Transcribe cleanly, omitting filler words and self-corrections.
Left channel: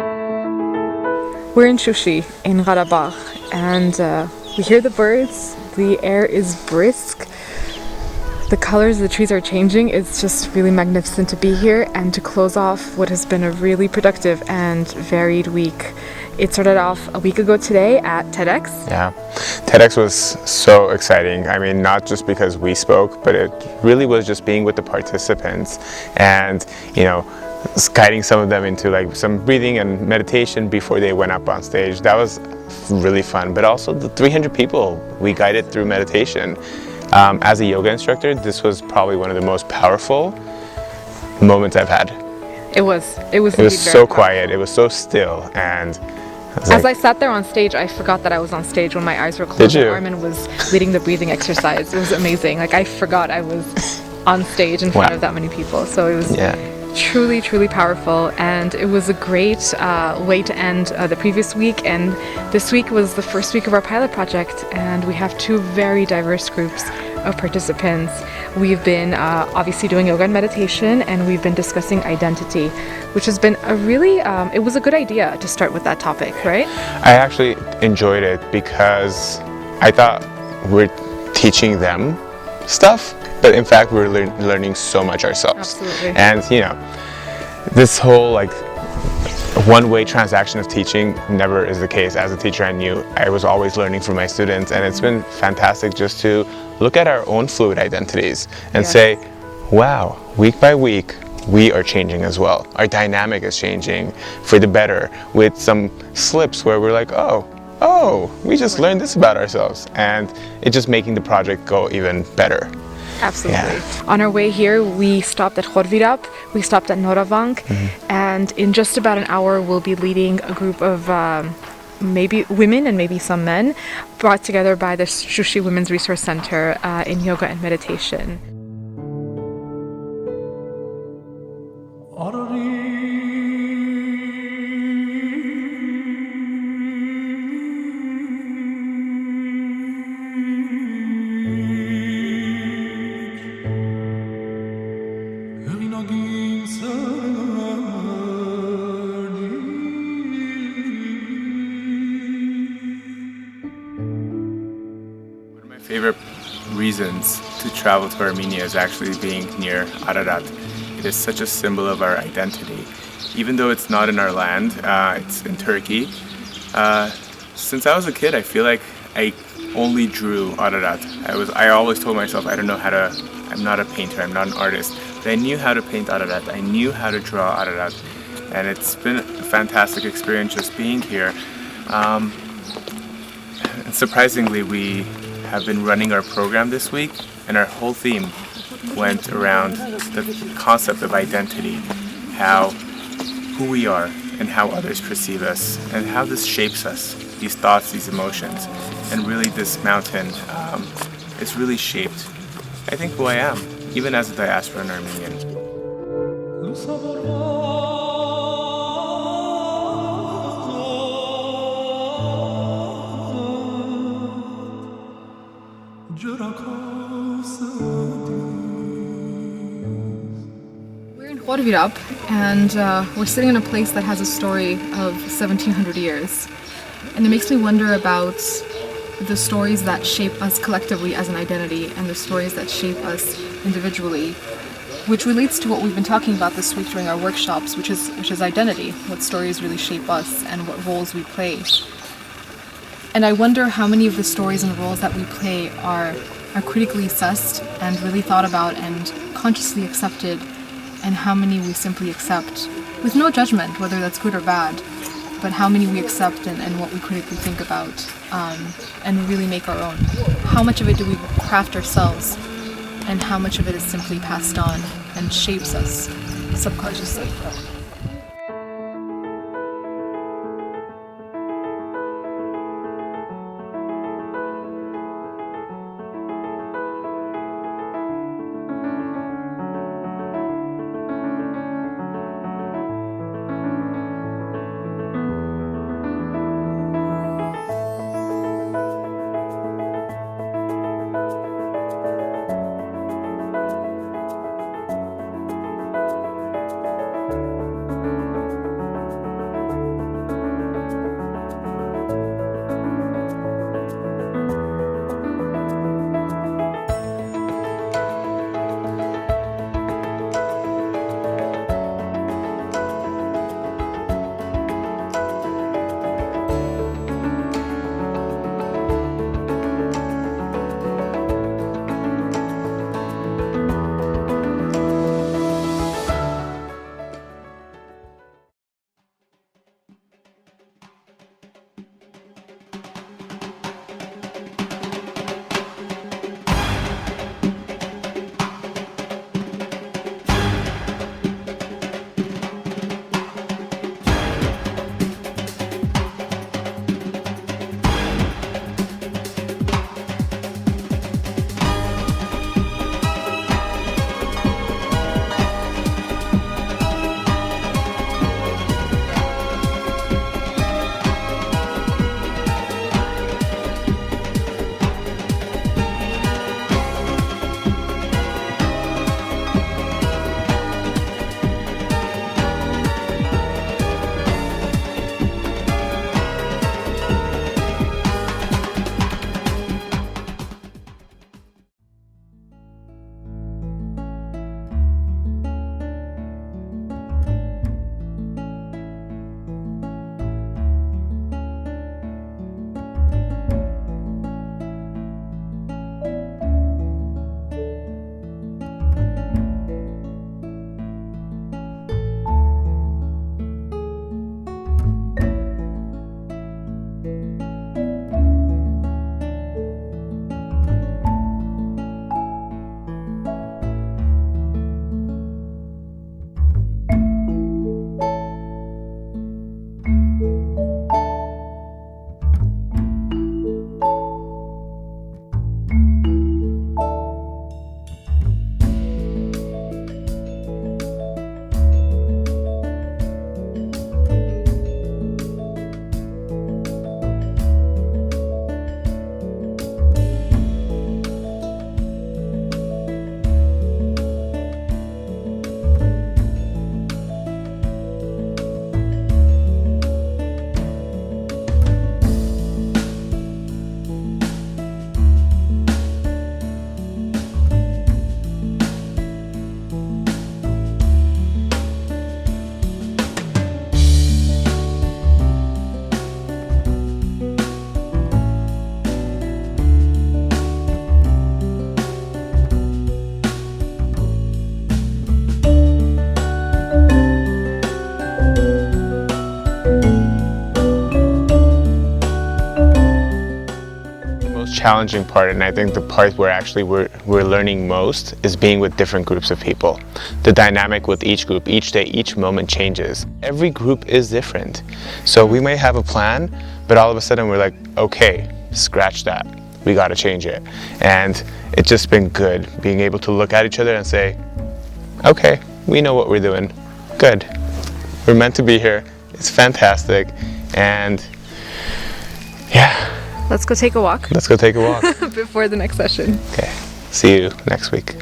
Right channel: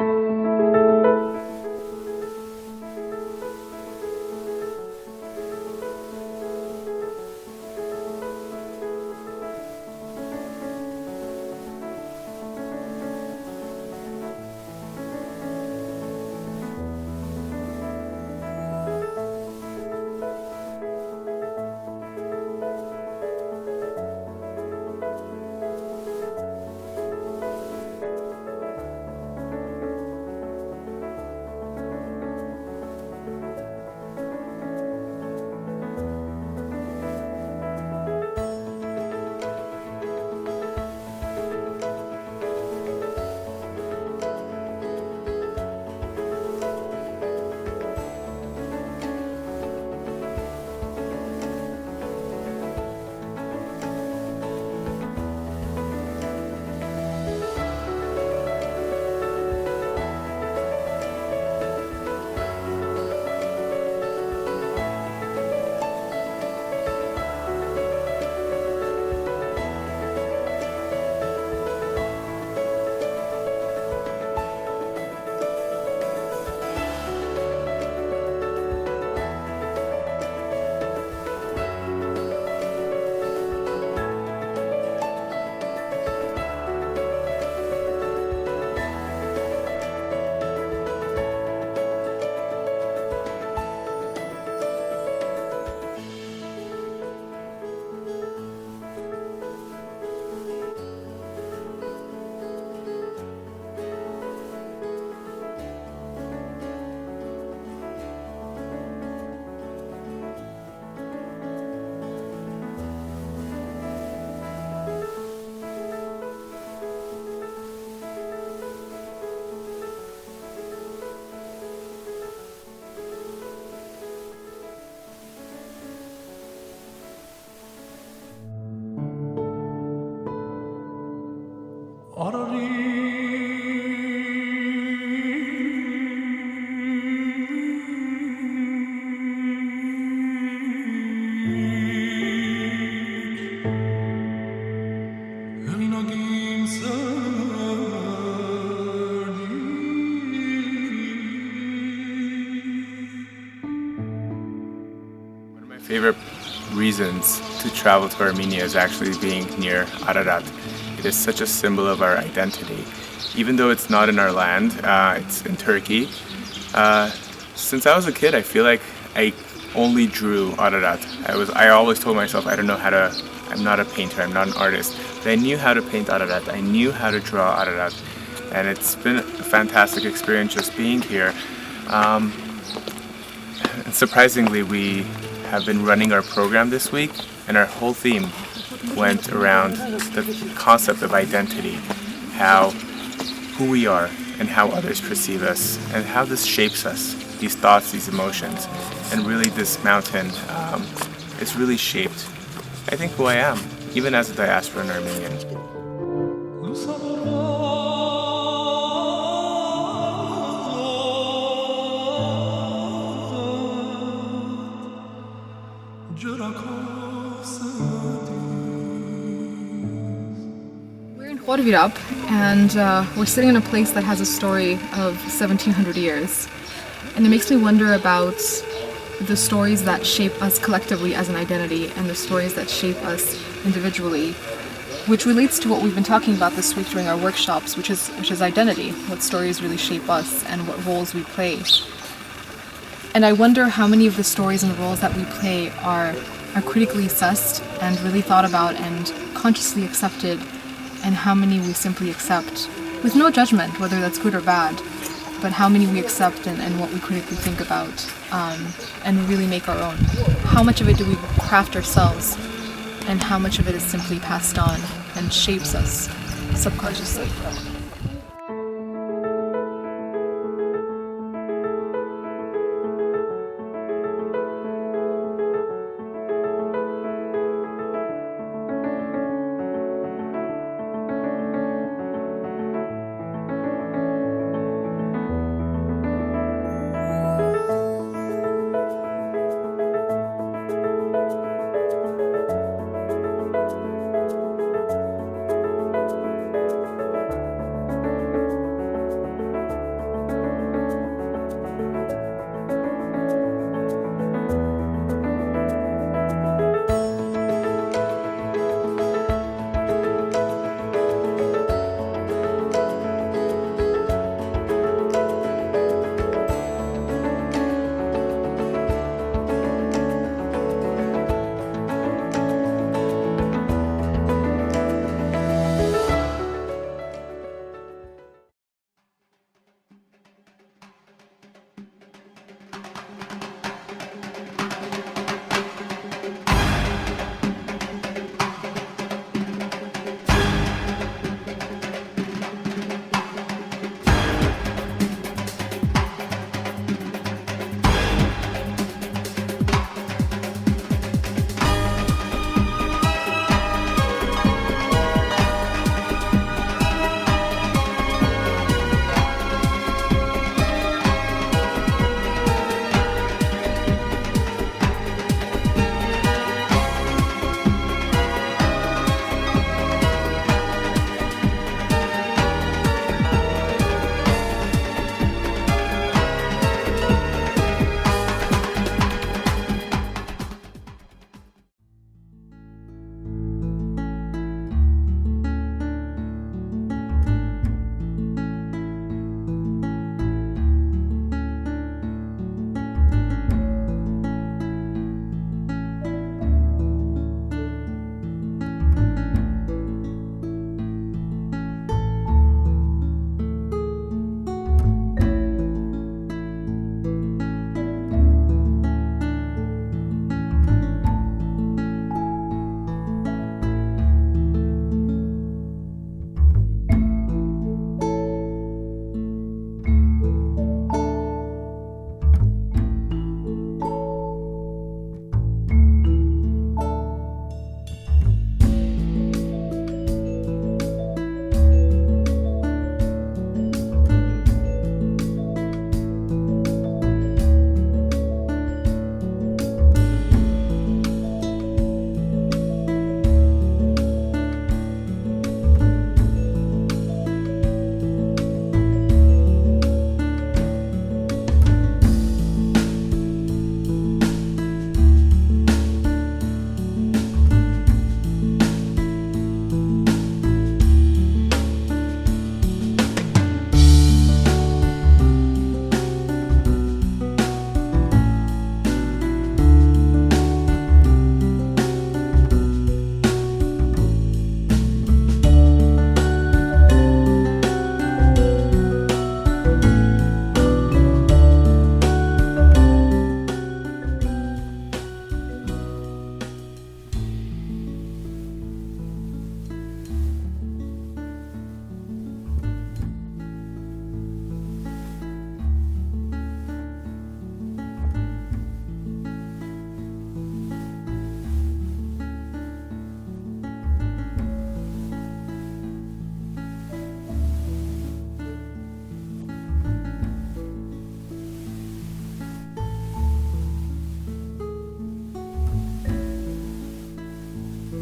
We're in Shushi, in Karabakh, and we hear the birds, the air is brisk, the colors of the trees are changing. It's just really magnificent to be here and to close off what has been a really productive and varied week. It started off a week ago today at TEDx. Yeah, TEDx was so exciting. I mean, not just because we spoke, but it really was just being with the participants and, guiding some of them into like some breathing and meditation before they went up on stage. That was really fun, but also the 300 people we guided through meditation. As a yoga instructor, this was probably one of the most powerful moments I've had. It was so quiet, it was so still, and as I sat there on stage, I forgot that I was on stage when my eyes were closed. Did you? Armen was leading the breathing exercise. It was amazing. Like, I forgot I was on stage in front of that many people. So it was truly, truly powerful, and it was a great way to end the previous week. And this week was the first week of our pilot project, and we have two very diverse groups of participants. We've been obviously doing yoga and meditation, and we've been discussing identity, which has been a really, it was a good idea to start with that topic, right? I actually enjoyed it because I thought we're teaching them stuff, but in fact we're learning so much ourselves. Absolutely. And this whole like one-way transaction of teaching never is the case. As a teacher, I was always learning from my students, and it's been fantastic just to look at our own fluid identities and say, wow, week by week, we are changing as well. Our dynamic is changing for the better, with some slips where we're like, oh, we just learned this about ourselves, and it's just making the project go even better. Absolutely. Yeah. On our way here, we stopped at Khor Virap, we stopped at Noravank, and in just about an hour, we'll be leading a group of maybe women and maybe some men, brought together by the Shushi Women's Resource Center in yoga and meditation. Favorite reasons to travel to Armenia is actually being near Ararat. It is such a symbol of our identity. Even though it's not in our land, it's in Turkey. Since I was a kid, I feel like I only drew Ararat. I always told myself I'm not a painter, I'm not an artist, but I knew how to paint Ararat, I knew how to draw Ararat, and it's been a fantastic experience just being here. And surprisingly, we have been running our program this week, and our whole theme went around the concept of identity, who we are and how others perceive us, and how this shapes us, these thoughts, these emotions. And really this mountain is really shaped, I think, who I am, even as a diasporan Armenian. We're in Khor Virap, and we're sitting in a place that has a story of 1700 years. And it makes me wonder about the stories that shape us collectively as an identity and the stories that shape us individually, which relates to what we've been talking about this week during our workshops, which is identity, what stories really shape us and what roles we play. And I wonder how many of the stories and roles that we play are critically assessed and really thought about and consciously accepted, and how many we simply accept with no judgment, whether that's good or bad, but how many we accept and what we critically think about and really make our own. How much of it do we craft ourselves, and how much of it is simply passed on and shapes us subconsciously. challenging part, and I think the part where actually we're learning most, is being with different groups of people. The dynamic with each group, each day, each moment changes. Every group is different. So we may have a plan, but all of a sudden we're like, okay, scratch that. We got to change it. And it's just been good being able to look at each other and say, okay, we know what we're doing. Good. We're meant to be here. It's fantastic. And yeah. Let's go take a walk. Let's go take a walk. Before the next session. Okay. See you next week.